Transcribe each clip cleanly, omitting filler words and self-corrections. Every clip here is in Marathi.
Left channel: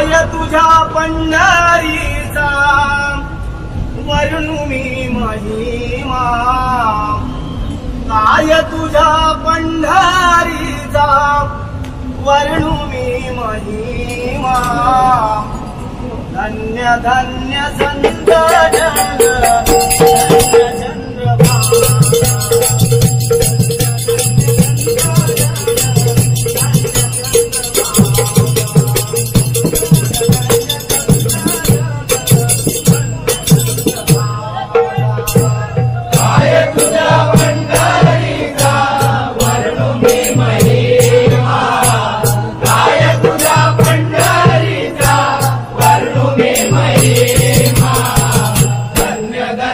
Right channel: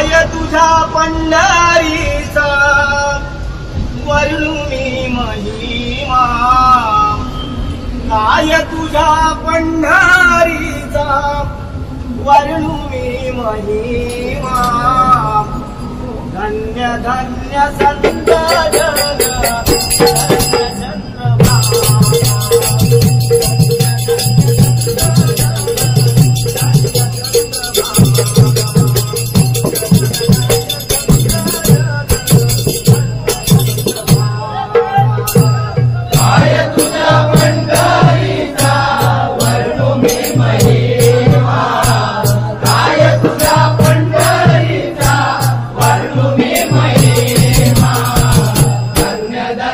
काय तुझ्या पंढरीचा वर्णू मी महिमा, काय तुझ्या पंढरीचा वर्णू मी महिमा। धन्य धन्य संत जन धन्य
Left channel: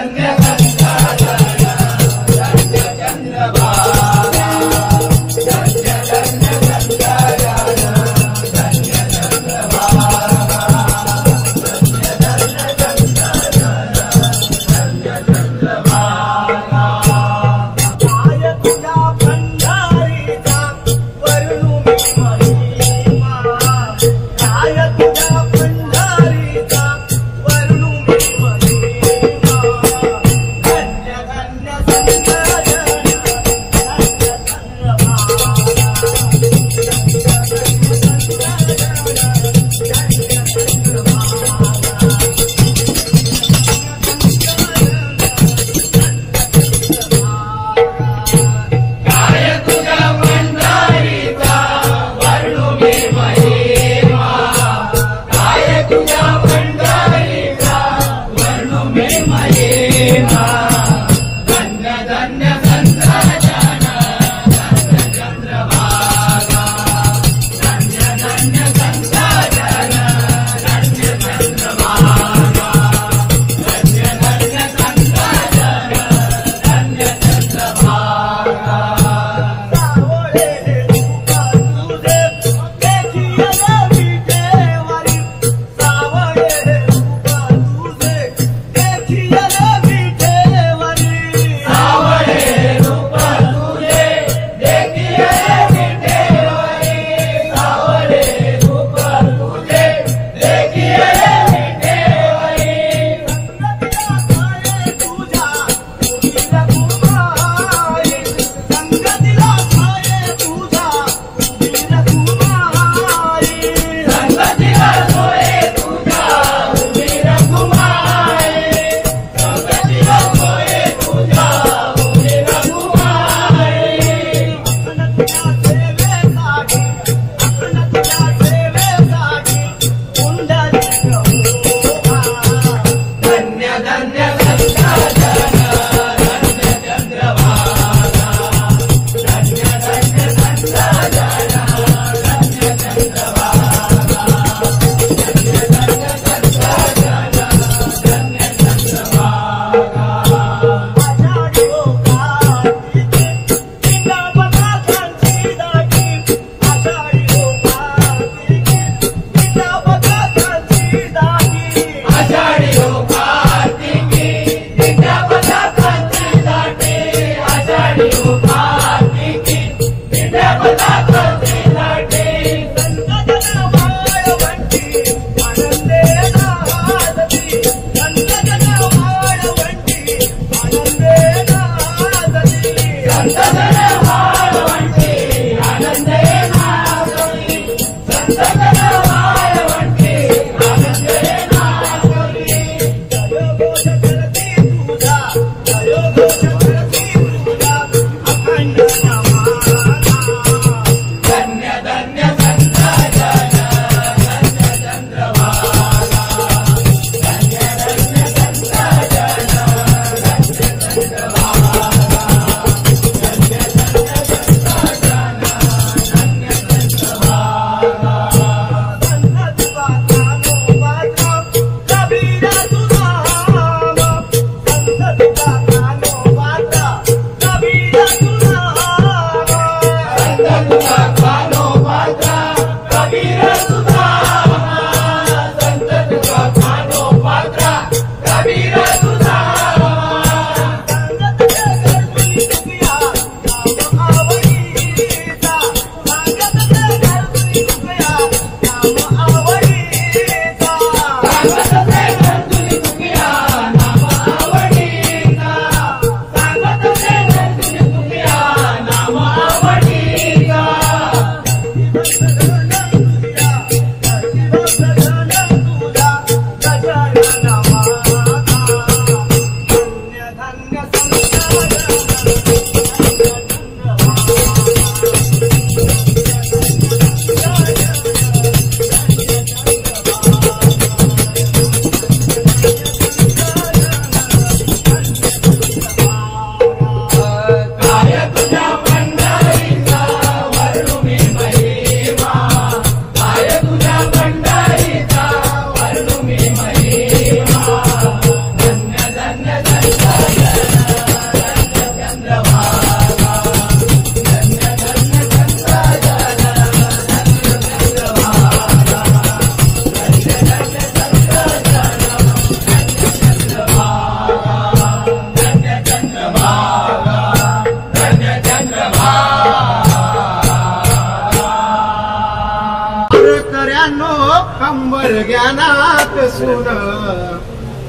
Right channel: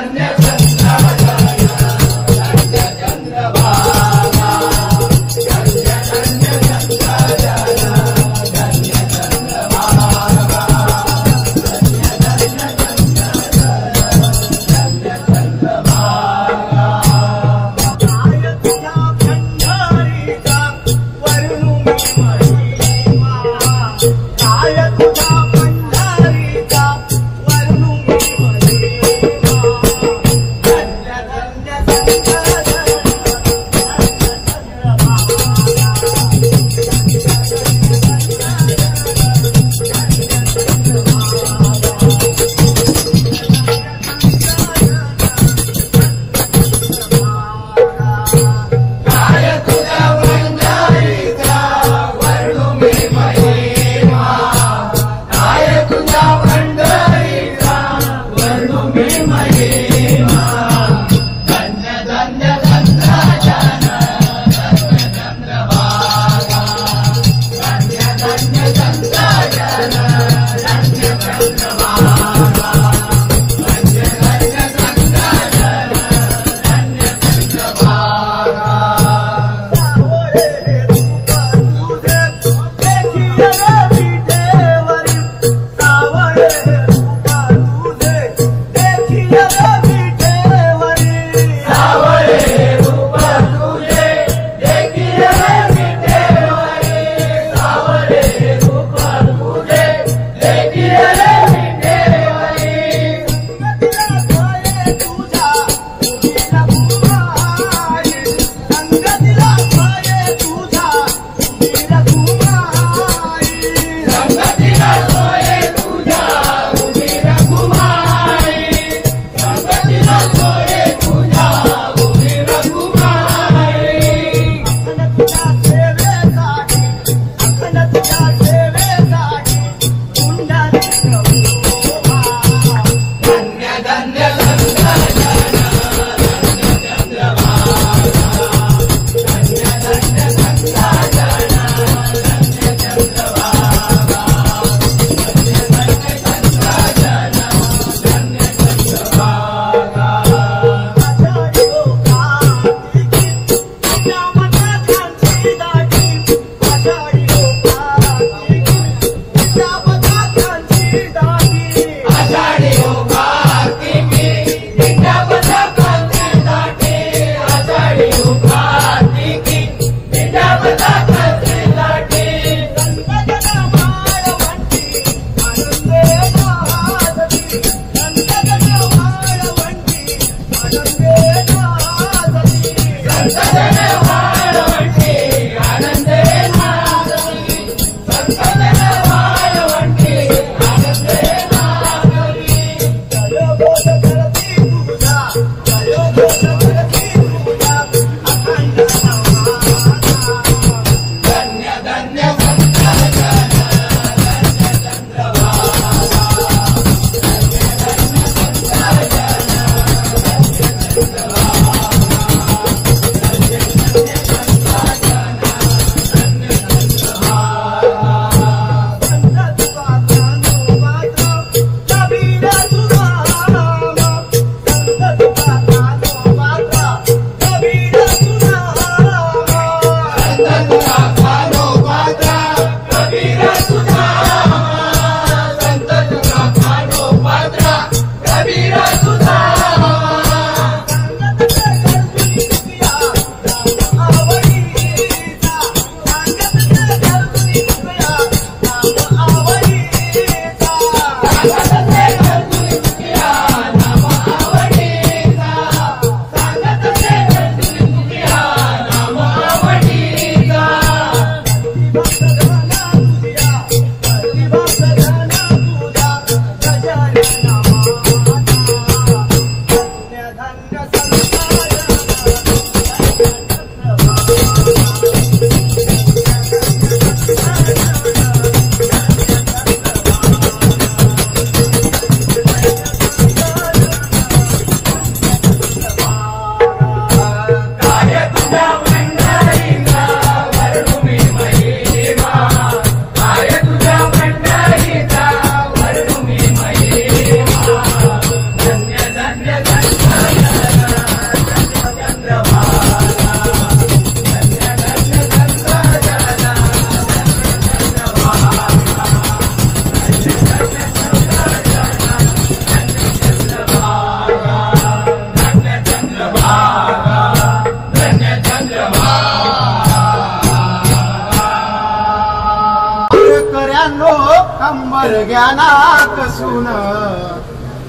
कंबर ज्ञानात सून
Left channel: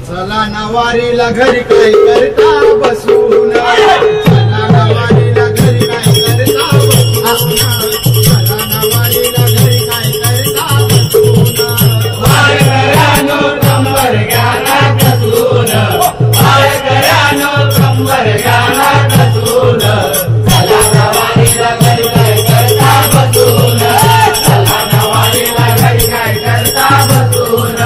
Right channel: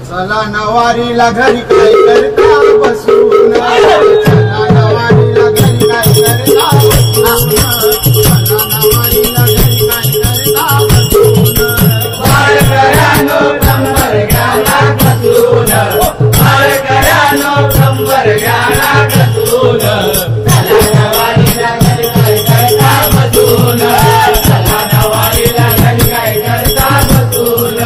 चला नवारीला घरी काय करता बसून चला नवारीला घरी काय करता बसून चला नवारीला घरी काय करता बसून वारकऱ्यानो कंबर ज्ञानात सून वारकऱ्यानो कंबर ज्ञानात सून चला नवारीला घरी काय करता बसून चला नवारीला घरी काय करता बसून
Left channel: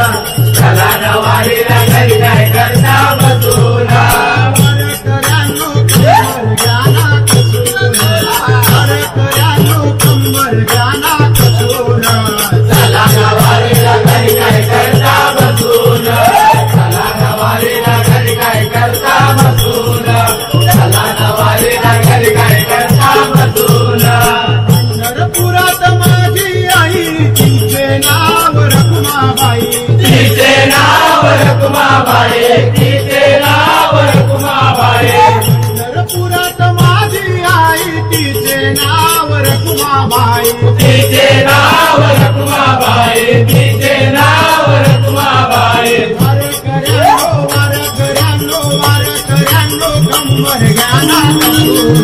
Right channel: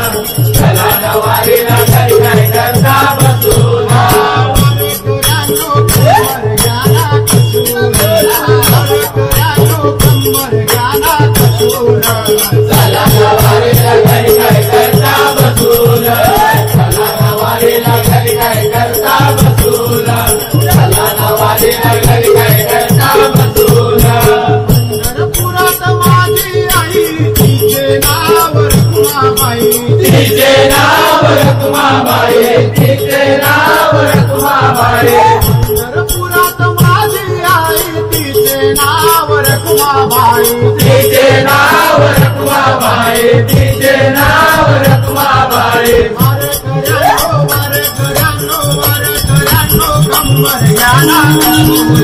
चला नवारीला घरी काय करता बसून वारकऱ्यानो कंबर ज्ञानात सून वारकऱ्यानो कंबर ज्ञानात सून चला नवारीला घरी काय करता बसून चला नवारीला घरी काय करता बसून चला नवारीला घरी काय करता बसून पंढरपुरात माझी आई तिचे नाव रखुमाबाई तिचे नाव रखुमाबाई तिचे नाव रखुमाबाई पंढरपुरात माझी आई तिचे नाव रखुमाबाई तिचे नाव रखुमाबाई तिचे नाव रखुमाबाई वारकऱ्यानो वारकऱ्यानो वारकऱ्यानो कंबर ज्ञानात सून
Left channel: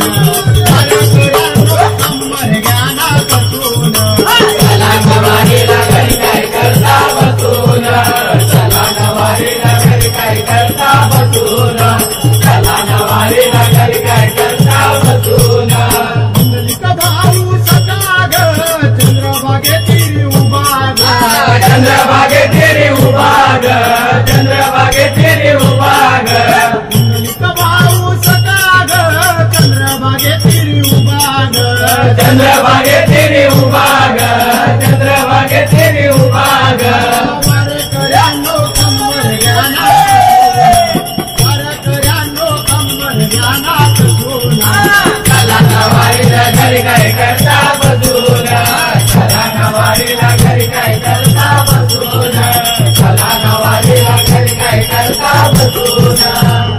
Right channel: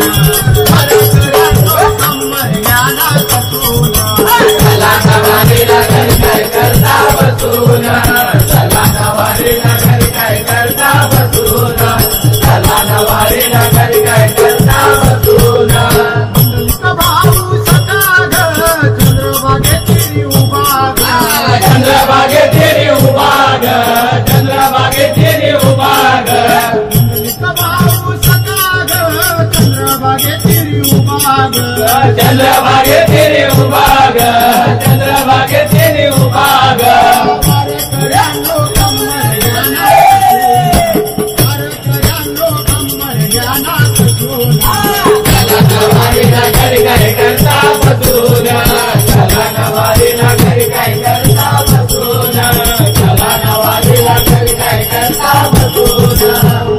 वारकऱ्यानो कंबर ज्ञानात सून चला नवारीला घरी काय करता बसून चला नवारीला घरी काय करता बसून चला नवारीला घरी काय करता बसून मंगलिक भाऊ सका ग चंद्रभागेतील उभा ग चंद्रभागेतील उभा ग चंद्रभागेतील उभा ग मंगलिक भाऊ सका ग चंद्रभागेतील उभा ग चंद्रभागेतील उभा ग चंद्रभागेतील उभा ग वारकऱ्यानो कंबर ज्ञानात वारकऱ्यानो कंबर ज्ञानात सून चला नवारीला घरी काय करता बसून चला नवारीला घरी काय करता बसून चला नवारीला घरी काय करता बसून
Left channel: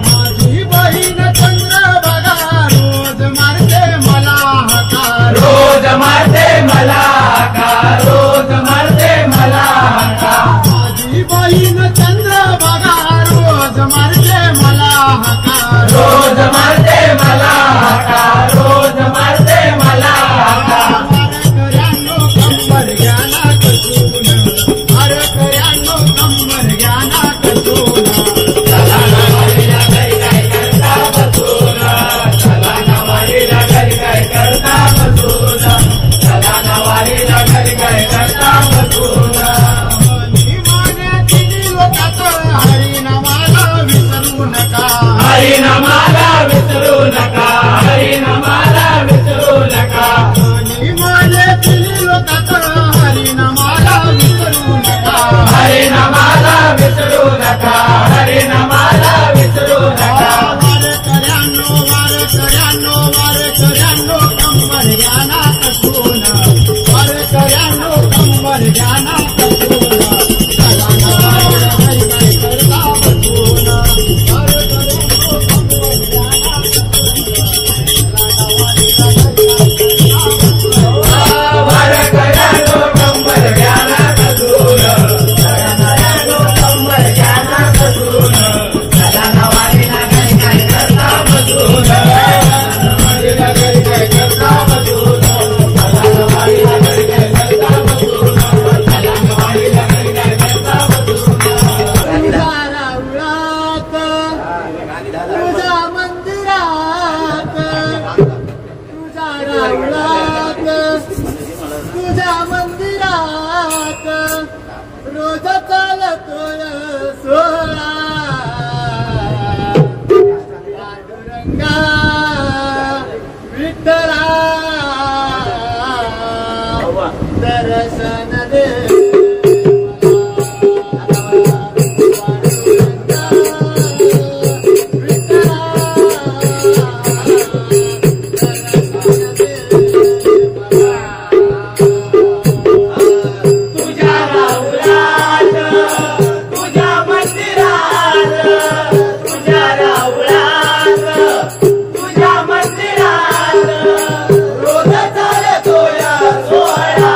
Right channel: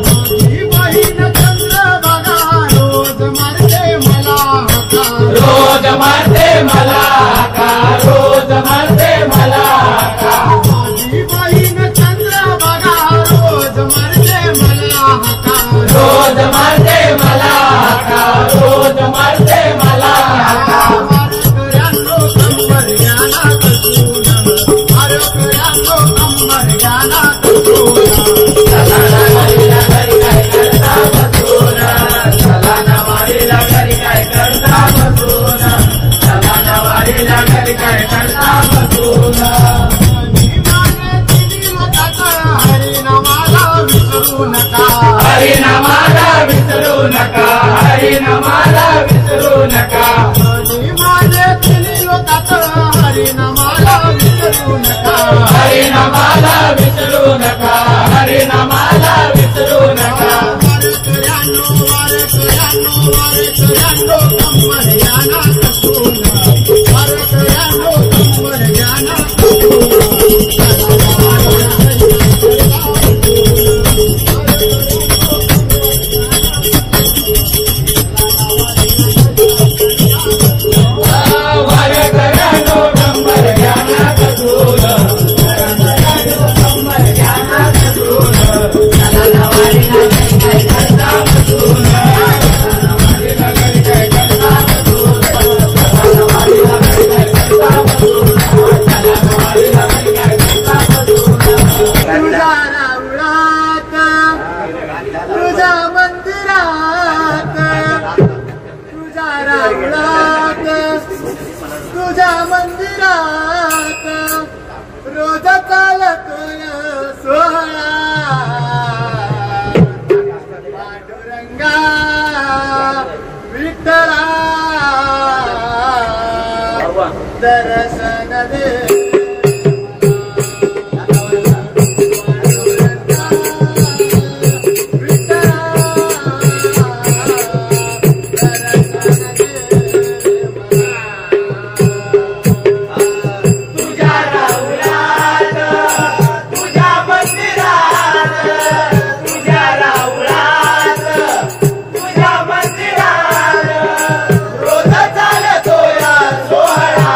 माझी बहीण चंद्रभागा रोज मारते मला हाका रोज मारते मला हाका रोज मारते मला हाका माझी बहीण चंद्रभागा रोज मारते मला हाका रोज मारते मला हाका रोज मारते मला हाका वारकऱ्यानो कंबर ज्ञानात सून वारकऱ्यानो कंबर ज्ञानात सून चला नवारीला घरी काय करता बसून चला नवारीला घरी काय करता बसून चला नवारीला घरी काय करता बसून निमाने तिन्ही लोकात हरिनामाला विसरू नका हरिनामाला विसरू नका हरिनामाला विसरू नका निमाने तिन्ही लोकात हरिनामाला विसरू नका हरिनामाला विसरू नका हरिनामाला विसरू नका वारकऱ्यानो वारकऱ्यानो वारकऱ्यानो कंबर ज्ञानात सून वारकऱ्यानो कंबर ज्ञानात सून चला नवारीला घरी काय करता बसून वारकऱ्यानो कंबर ज्ञानात वारकऱ्यानो कंबर ज्ञानात सून वारकऱ्यानो कंबर ज्ञानात सून चला नवारीला घरी काय करता बसून नवारीला घरी काय करता बसून चला नवारीला घरी काय करता बसून चला नवारीला घरी काय करता बसून तुझ्या राऊळात तुझ्या मंदिरात तुझ्या राऊळात तुझ्या मंदिरात रोज चालतोय सोहळा पांडुरंगा विठ्ठला दर्शन दे पांडुरंगा विठ्ठला दर्शन दे तुझ्या राऊळात तुझ्या मंदिरात तुझ्या राऊळात तुझ्या मंदिरात रोज चालतोय सोहळा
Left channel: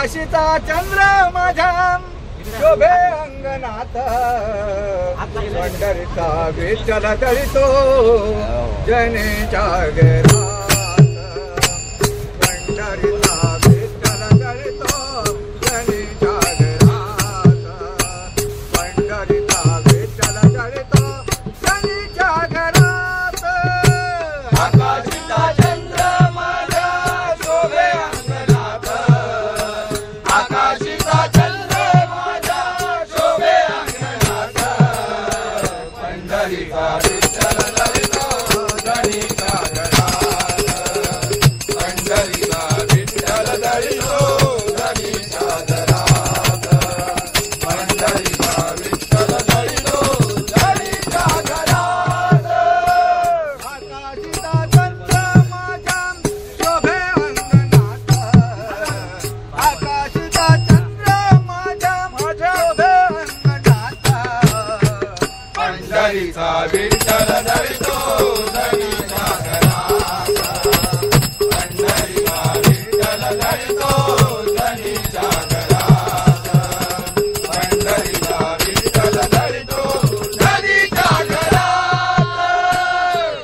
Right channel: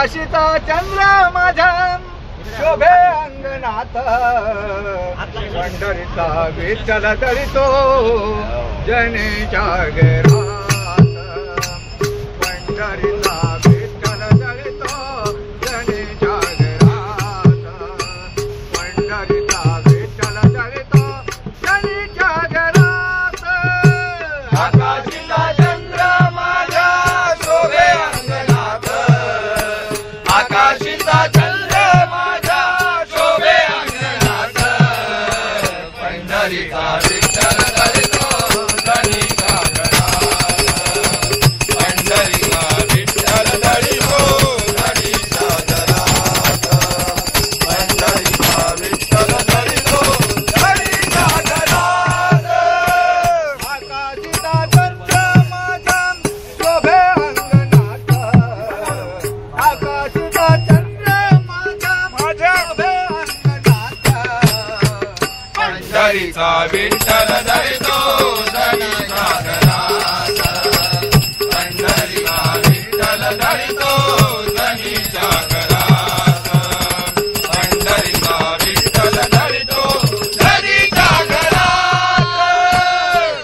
आकाशीचा चंद्र माझ्या शोभे अंगणात पंढरीचा विठ्ठल दळितो जनेच्या घरात पंढरीचा विठ्ठल दळितो जनेच्या घरात पंढरीचा विठ्ठल दळितो जनेच्या घरात आकाशीचा चंद्र माझ्या शोभे अंगणात आकाशीचा चंद्र माझ्या शोभे अंगणात पंढरीचा विठ्ठल दळितो जनेच्या घरात पंढरीचा विठ्ठल दळितो जनेच्या घरात पंढरीचा विठ्ठल दळितो जनेच्या घरात आकाशीचा चंद्र माझ्या शोभे अंगणात आकाशीचा चंद्र माझ्या शोभे अंगणात पंढरीचा विठ्ठल दळितो जनेच्या घरात पंढरीचा विठ्ठल दळितो जनेच्या घरात पंढरीचा विठ्ठल दळितो जनेच्या घरात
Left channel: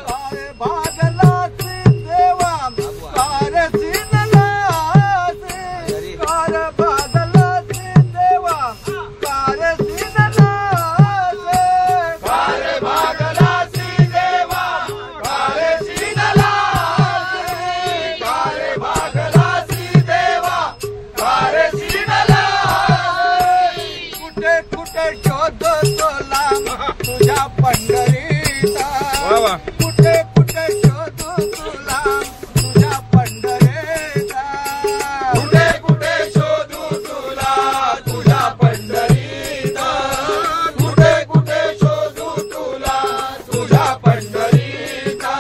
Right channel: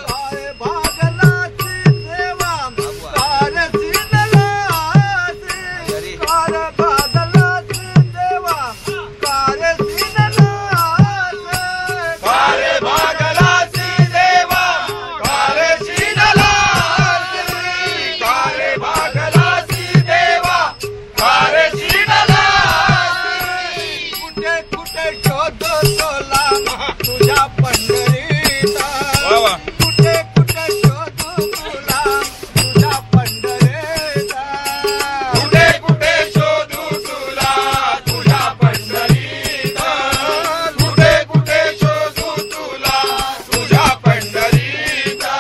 काळे भागलाची देवा कारसी नलासी काळे भागलाची देवा कारसी नलासी कारे भागलासी देवा कारे शीनलासी कारे भागलासी देवा कारे शीनलासी कुठे कुठे शोधतो लांब तुझ्या पंढरीचा कुठे कुठे शोधू तुला तुझ्या पंढरीचा कुठे कुठे शोधू तुला तुझ्या पंढरीचा कुठे कुठे शोधू तुला तुझ्या पंढरीचा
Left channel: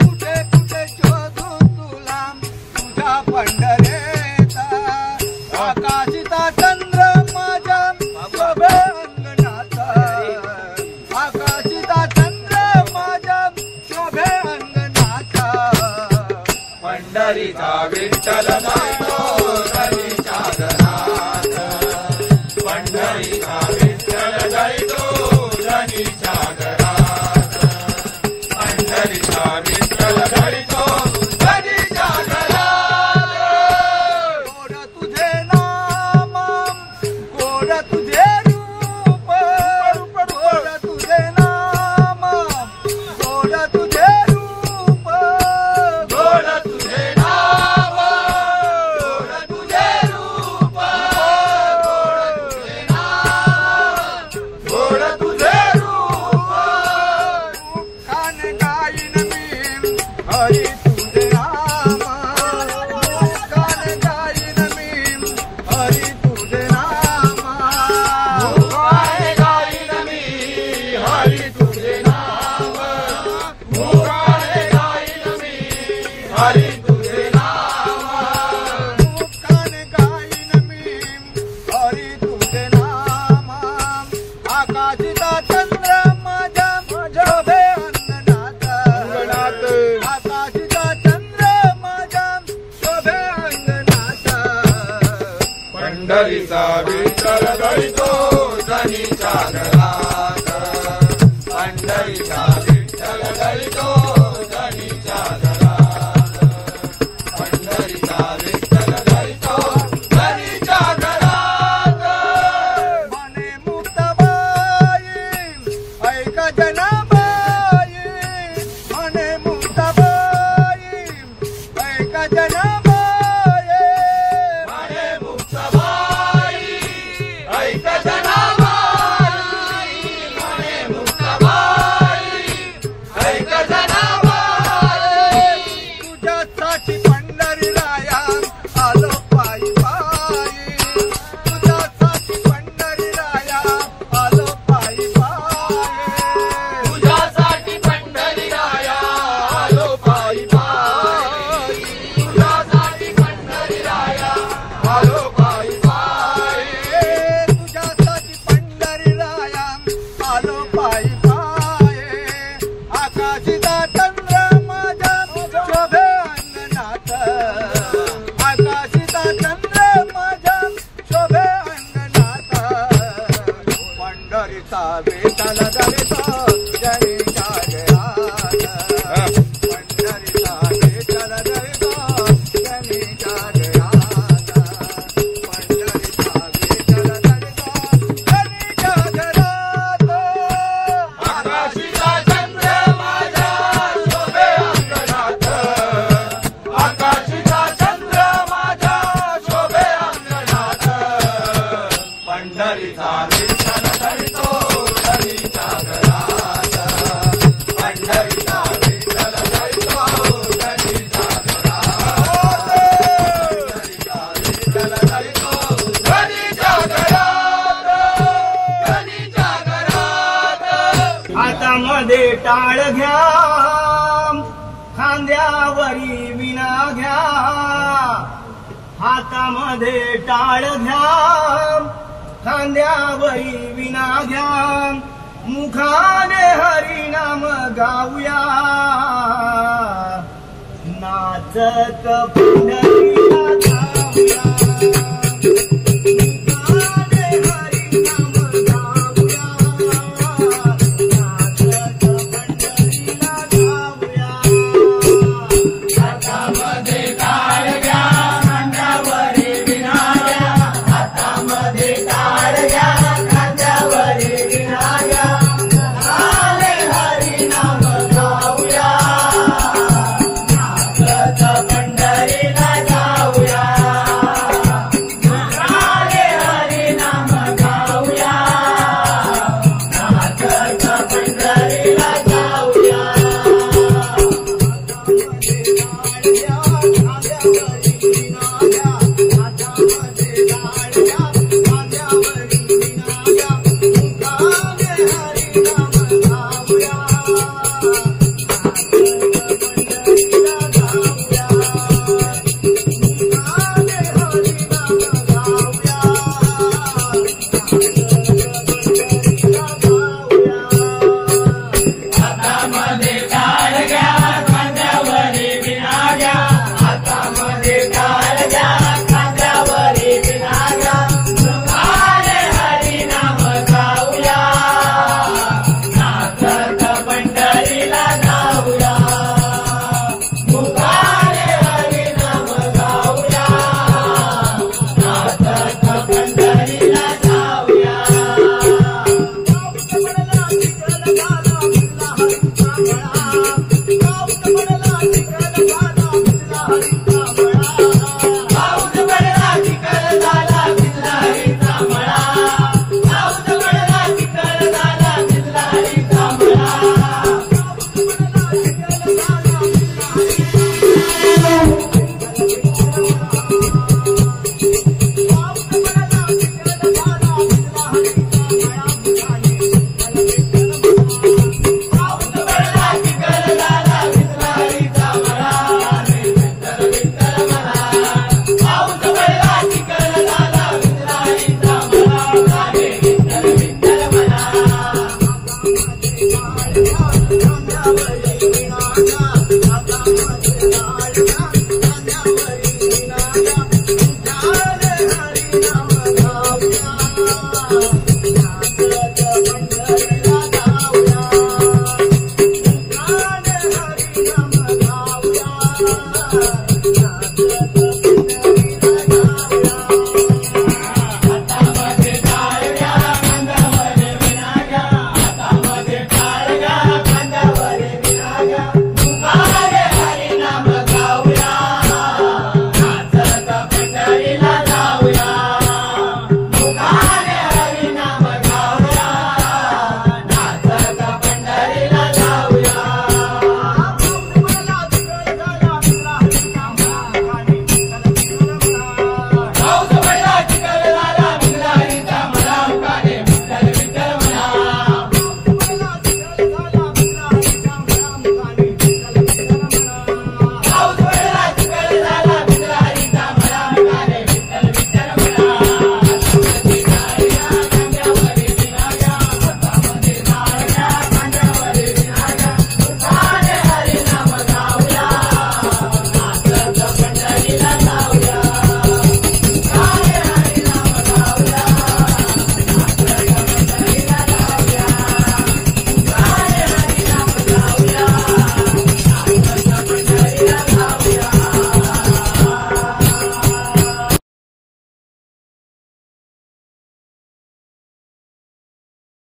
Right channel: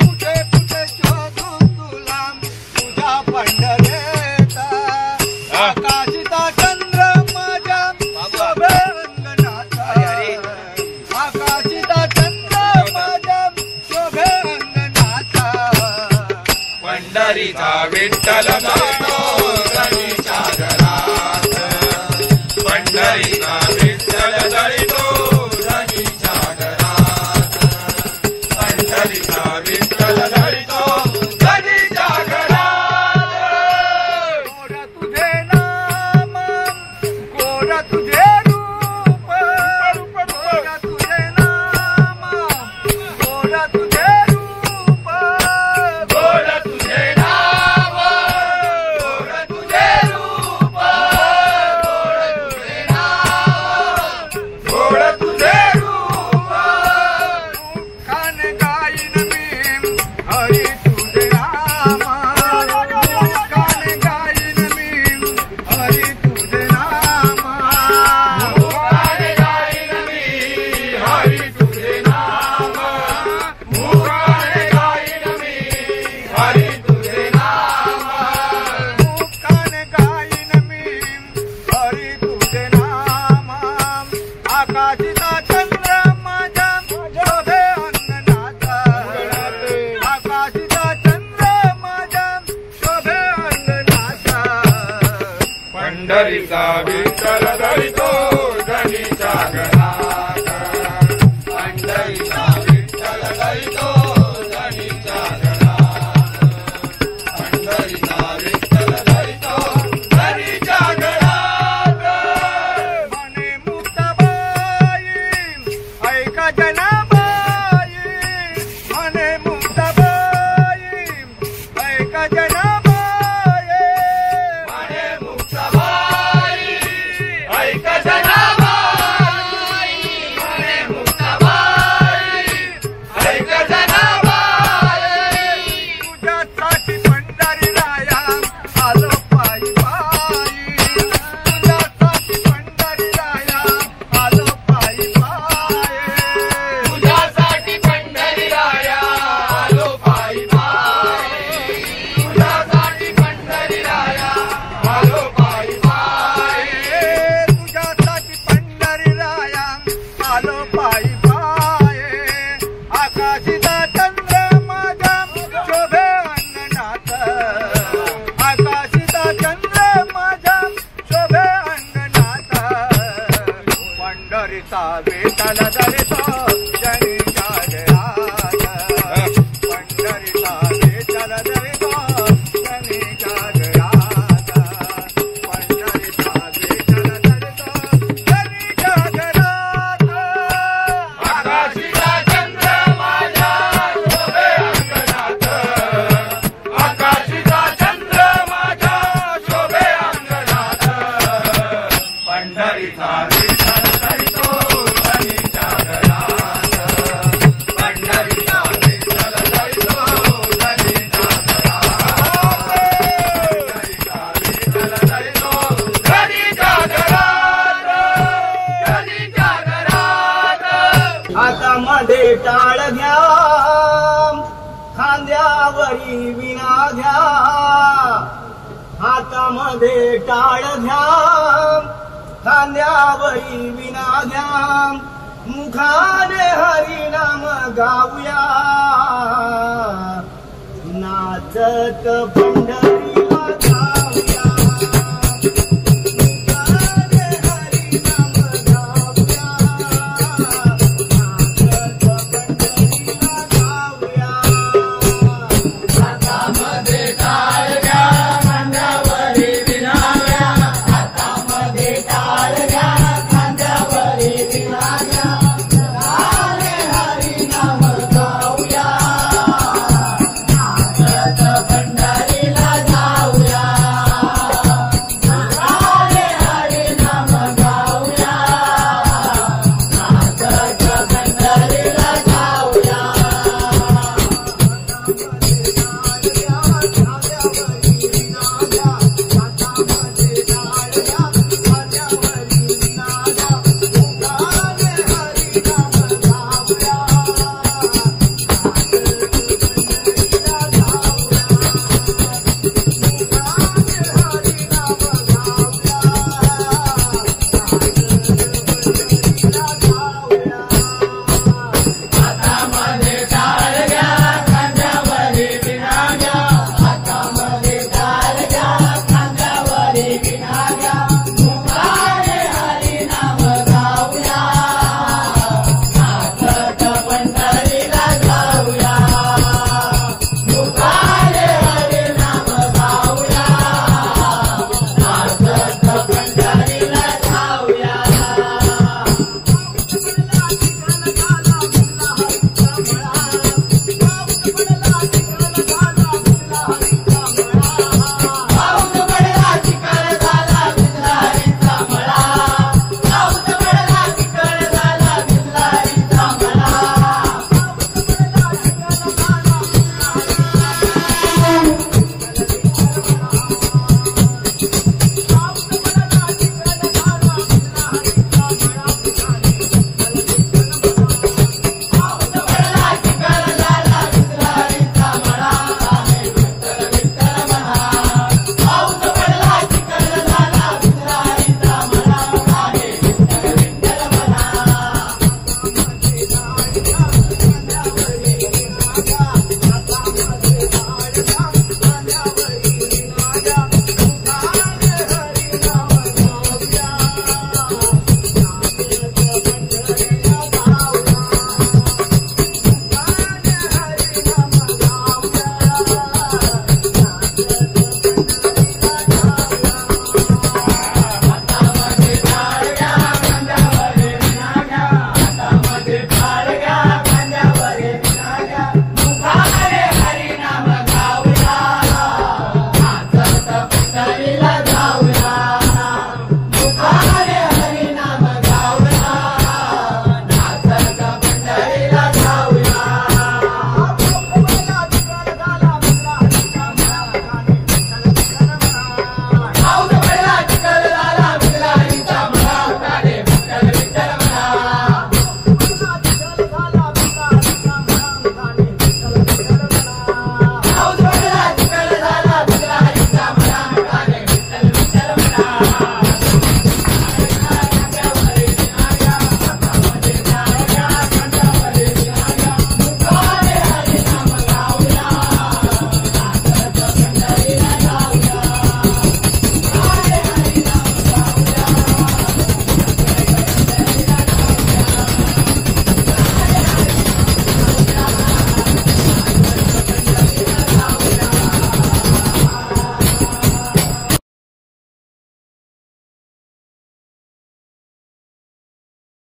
कुठे कुठे शोधू तुला तुझ्या पंढरीचा आकाशीचा चंद्र माझ्या शोभे अंगणात आकाशीचा चंद्र माझ्या शोभे अंगणात पंढरीचा विठ्ठल मानो जनेच्या घरात पंढरीचा विठ्ठल दळितो जनेच्या घरात पंढरीचा विठ्ठल दळितो जनेच्या घरात गोड तुझे नाम गोड तुझे रूप गोड तुझे नाम गोड तुझे रूप गोड तुझे नाव गोड तुझे रूप गोड तुझे रूप कान गाईन मी हरी तुझे नाम कान गाईन मी हरी तुझे नाम मुखाने गाईन मी हरी तुझे नाम मुखाने गाईन मी हरी तुझे नाम कान गाईन मी हरी तुझे नाम आकाशीचा चंद्र माझ्या शोभे अंगणात आकाशीचा चंद्र माझ्या शोभे अंगणात पंढरीचा विठ्ठल दळितो जनेच्या घरात पंढरीचा विठ्ठल दळितो जनेच्या घरात पंढरीचा विठ्ठल दळितो जनेच्या घरात म्हणे मुक्ताबाई ऐका जनाबाई म्हणे मुक्ताबाई ऐका जनाबाई म्हणे मुक्ताबाई ऐक जना विठ्ठल धरितो जनी जागरात पंढरीचा विठ्ठल धरितो जनी जागरात पंढरीचा विठ्ठल धरितो जनी जागरात आकाशीचा चंद्र माझ्या शोभे अंगणात आकाशीचा चंद्र माझ्या शोभे अंगणात पंढरीचा विठ्ठल धरितो जनी जागरात पंढरीचा विठ्ठल धरितो जनी जागरात पंढरीचा विठ्ठल धरितो जनी जागरात जनी जागरात हातामध्ये टाळ घ्या खांद्यावरी विणा घ्या हातामध्ये टाळ घ्या खांद्यावरी विणा घ्या मुखाने हरिनाम गाऊया नाचत पंढरी